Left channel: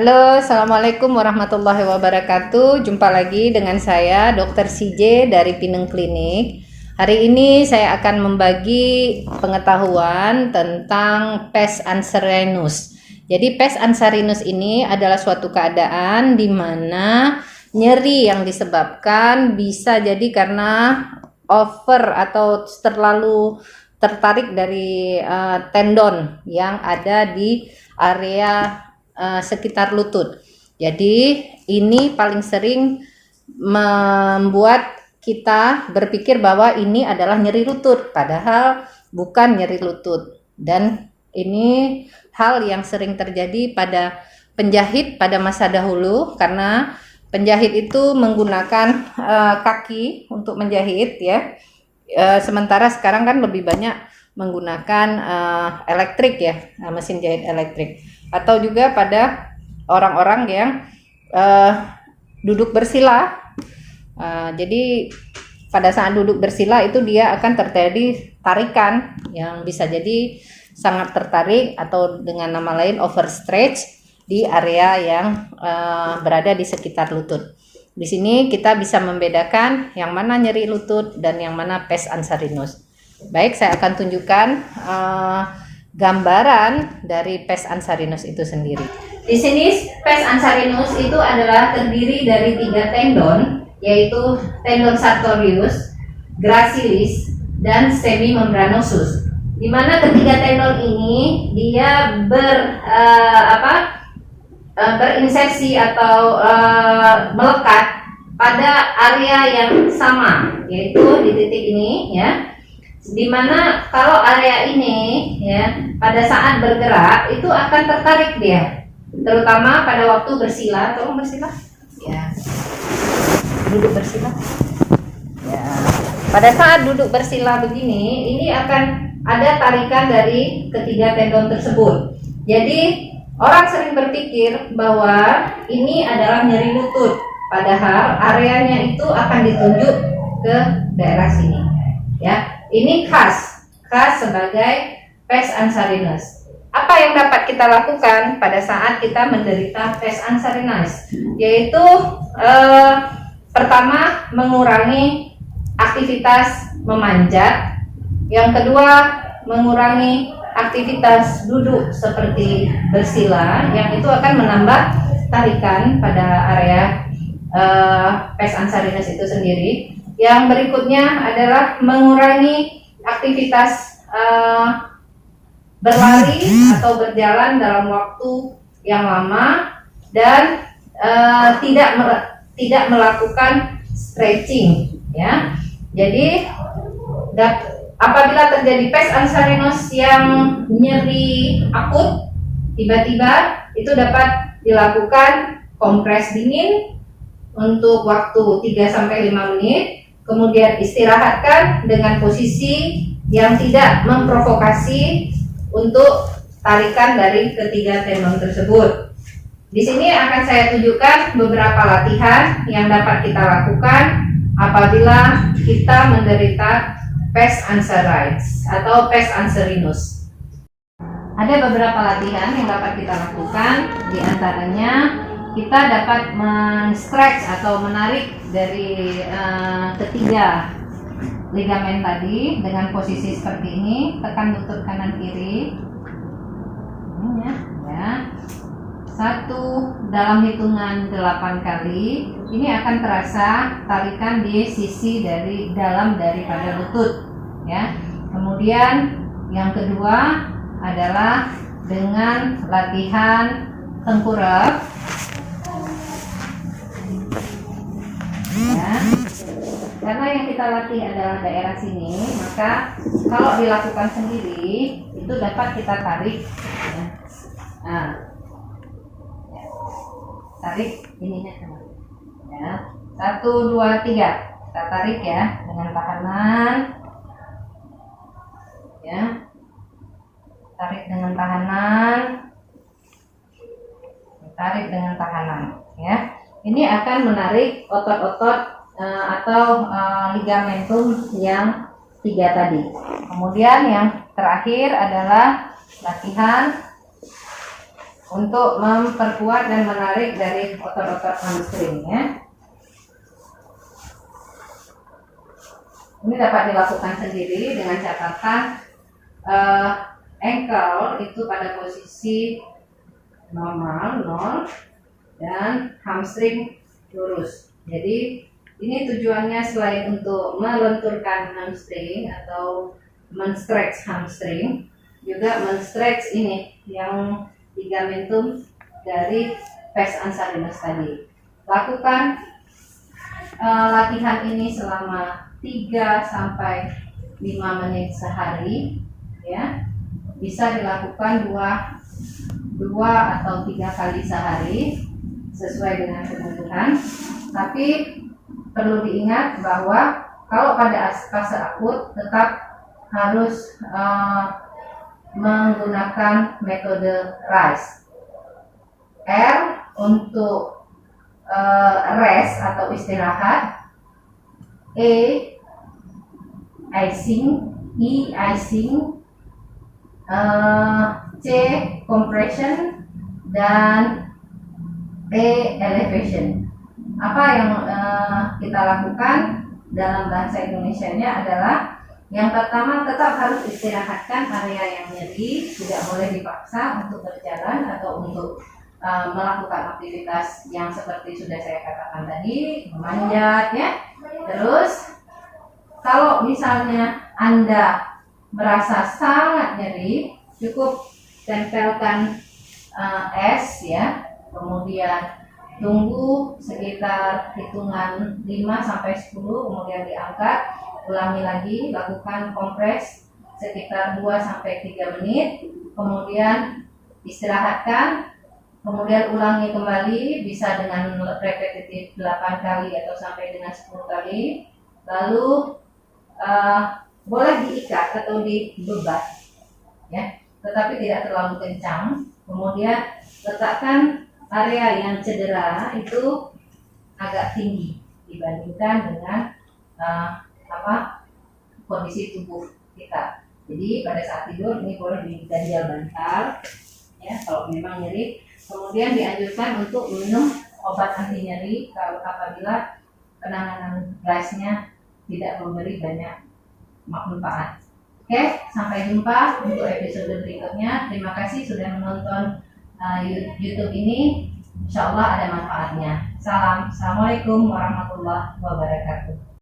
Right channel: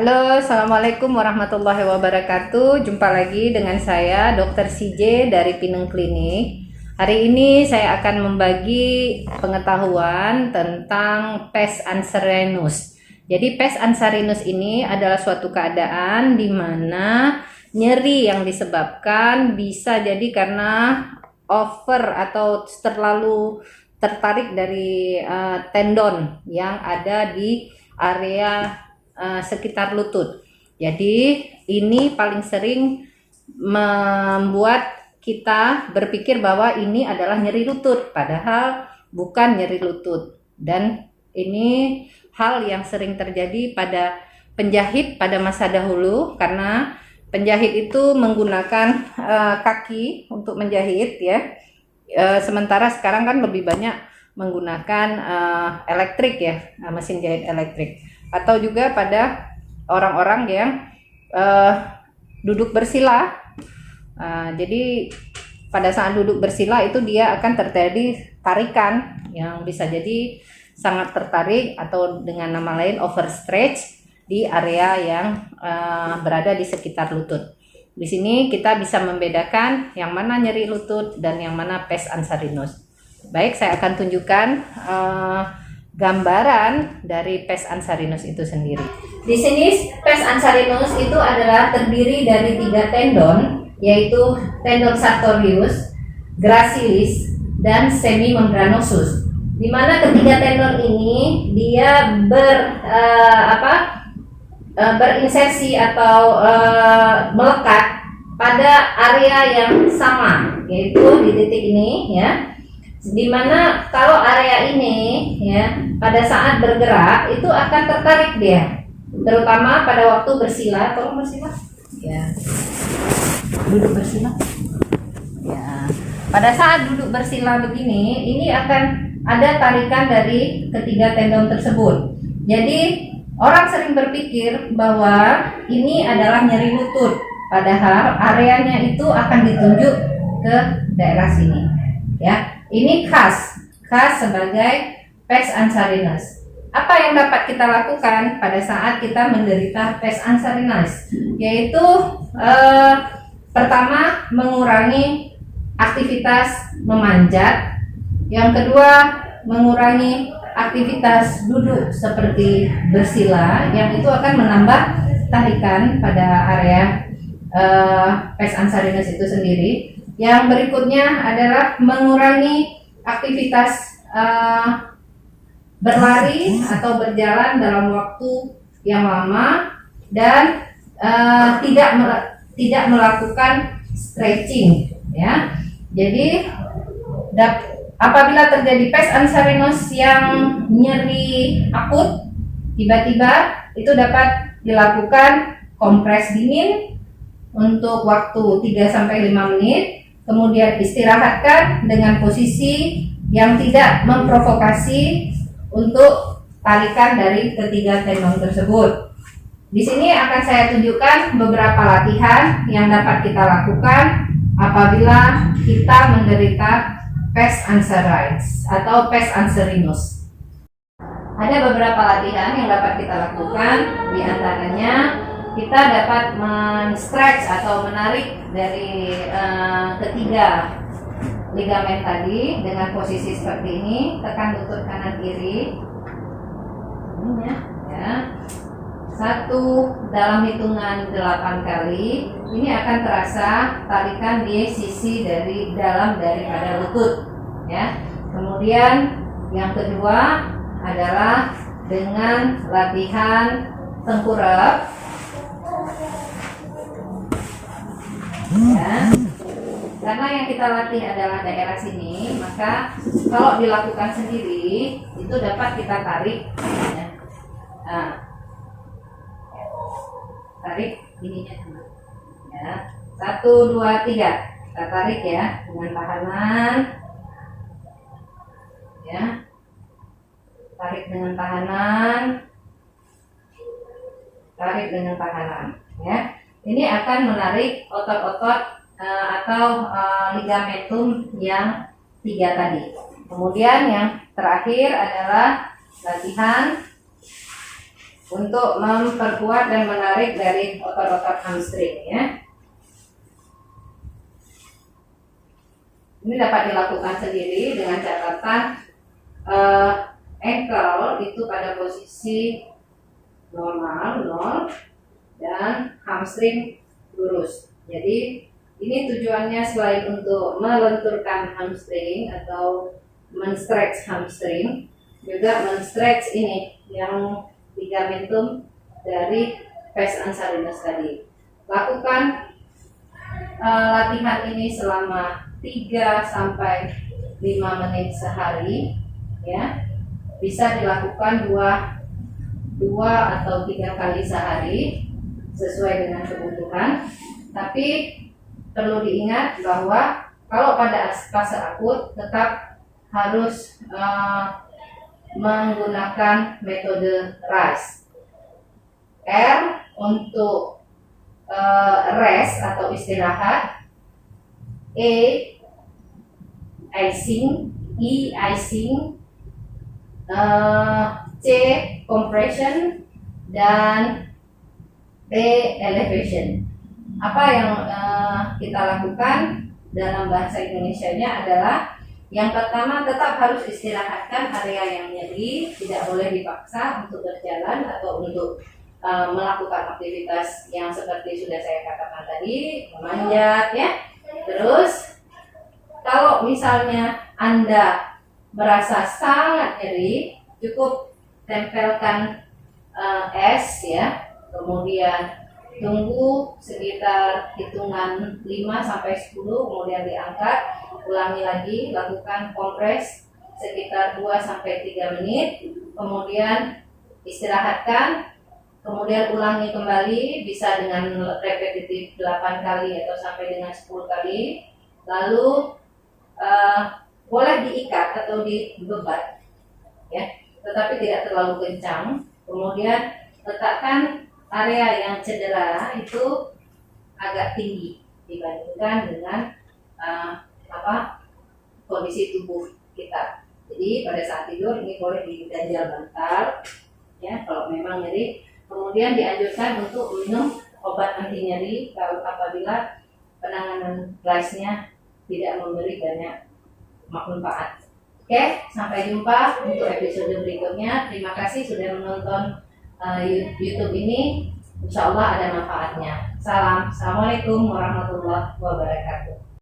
Halo, Assalamualaikum warahmatullahi wabarakatuh. Jumpa lagi dengan saya, Dr. CJ dari Pineng Klinik. Hari ini saya akan membagi pengetahuan tentang pes anserinus. Jadi pes anserinus ini adalah suatu keadaan di mana nyeri yang disebabkan bisa jadi karena over atau terlalu tertarik dari tendon yang ada di area sekitar lutut. Jadi ini paling sering membuat kita berpikir bahwa ini adalah nyeri lutut, padahal bukan nyeri lutut. Dan ini hal yang sering terjadi pada penjahit pada masa dahulu, karena penjahit itu menggunakan kaki untuk menjahit ya. Sementara sekarang kan lebih banyak menggunakan elektrik ya, mesin jahit elektrik. Atau juga pada orang-orang yang duduk bersila. Jadi pada saat duduk bersila itu dia akan terjadi tarikan yang bisa jadi sangat tertarik atau dengan nama lain overstretch di area yang berada di sekitar lutut. Di sini kita bisa membedakan yang mana nyeri lutut dan yang mana pes anserinus. Baik, saya akan tunjukkan gambaran dari pes anserinus itu sendiri. Di sini pes anserinus itu adalah terdiri dari 3 tendon, yaitu tendon sartorius, gracilis, dan semimembranosus. Di mana ketiga tendon ini dia berinsersi atau melekat pada area yang sama, yaitu di titik ini ya. Dimana kalau area ini ya pada saat bergerak itu akan tertarik dia, terutama pada waktu bersila. Tolong bersila ya, duduk bersila ya. Pada saat duduk bersila begini, ini akan ada tarikan dari ketiga tendon tersebut. Jadi orang sering berpikir bahwa ini adalah nyeri lutut, padahal areanya itu akan ditunjuk ke daerah sini ya. Ini khas sebagai pes anserinus. Apa yang dapat kita lakukan pada saat kita menderita pes anserinus? Yaitu pertama, mengurangi aktivitas memanjat. Yang kedua, mengurangi aktivitas duduk seperti bersila, yang itu akan menambah tarikan pada area pes anserinus itu sendiri. Yang berikutnya adalah mengurangi aktivitas berlari atau berjalan dalam waktu yang lama dan tidak melakukan stretching ya. Jadi apabila terjadi pes anserinus yang nyeri akut tiba-tiba, itu dapat dilakukan kompres dingin untuk waktu 3-5 menit. Kemudian istirahatkan dengan posisi yang tidak memprovokasi untuk tarikan dari ketiga tendon tersebut. Di sini akan saya tunjukkan beberapa latihan yang dapat kita lakukan apabila kita menderita pes anserinus atau pes anserinus. Ada beberapa latihan yang dapat kita lakukan, di antaranya kita dapat men-stretch atau menarik dari ketiga ligamen tadi dengan posisi seperti ini. Tekan lutut kanan kiri ini ya. 1 dalam hitungan 8 kali. Ini akan terasa tarikan di sisi dari dalam daripada lutut ya. Kemudian yang kedua adalah dengan latihan tengkurap ya. Karena yang kita latih adalah daerah sini, maka kalau dilakukan sendiri itu dapat kita tarik ya. Nah, tarik ininya sama ya. 1, 2, 3 kita tarik ya dengan tahanan ya. Tarik dengan tahanan, tarik dengan tahanan ya. Ini akan menarik otot-otot atau ligamentum yang 3 tadi. Kemudian yang terakhir adalah latihan untuk memperkuat dan menarik dari otot-otot hamstring ya. Ini dapat dilakukan sendiri dengan catatan ankle itu pada posisi normal 0 dan hamstring lurus. Jadi ini tujuannya selain untuk melenturkan hamstring atau men-stretch hamstring, juga men-stretch ini yang ligamentum dari pes ansarinus tadi. Lakukan latihan ini selama 3 sampai 5 menit sehari ya. Bisa dilakukan 2 atau 3 kali sehari sesuai dengan kebutuhan. Tapi perlu diingat bahwa kalau pada fase akut tetap harus menggunakan metode RICE. R untuk rest atau istirahat, E icing, E icing, C compression, dan P elevation. Apa yang kita lakukan dalam bahasa Indonesianya adalah yang pertama, tetap harus istirahatkan area yang nyeri, tidak boleh dipaksa untuk berjalan atau untuk melakukan aktivitas yang seperti sudah saya katakan tadi, memanjat ya. Terus kalau misalnya Anda merasa sangat nyeri, cukup tempelkan es ya, kemudian tunggu sekitar hitungan 5 sampai 10, kemudian diangkat, ulangi lagi, lakukan kompres sekitar 2 sampai 3 menit, kemudian istirahatkan, kemudian ulangi kembali, bisa dengan repetitif 8 kali atau sampai dengan 10 kali. Lalu boleh diikat atau dibebat ya, tetapi tidak terlalu kencang. Kemudian letakkan area yang cedera itu agak tinggi dibandingkan dengan kondisi tubuh kita. Jadi pada saat tidur ini boleh diganjal bantal ya kalau memang nyeri. Kemudian dianjurkan untuk minum obat anti nyeri kalau apabila penanganan RICE-nya tidak memberi banyak manfaat. Oke, sampai jumpa untuk episode berikutnya. Terima kasih sudah menonton YouTube ini. Insya Allah ada manfaatnya. Salam. Assalamualaikum warahmatullahi wabarakatuh.